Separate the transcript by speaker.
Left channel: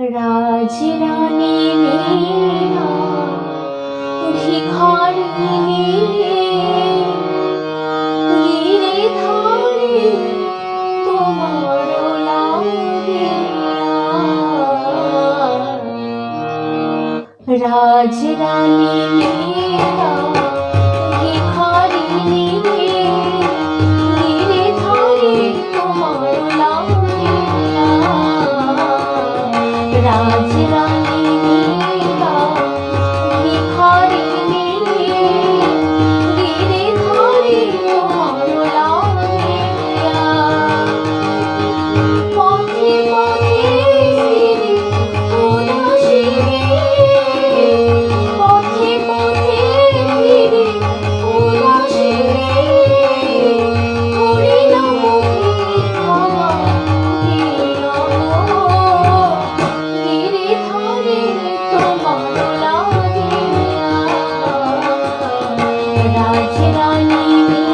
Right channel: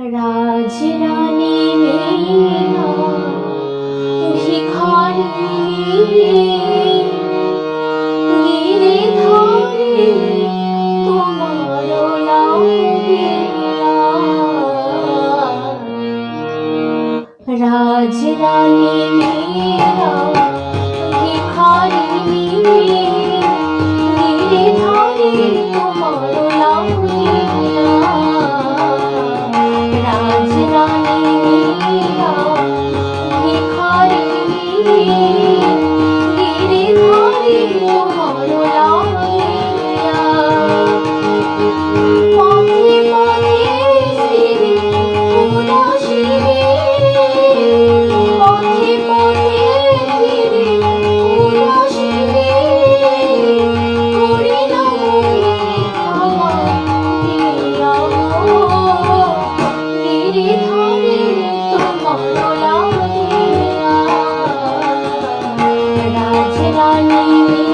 Speaker 1: রাজরানী মীনা ভিখারিণী গিরিধারে তোমার লাউরিয়া রাজরানী মীনা Salimi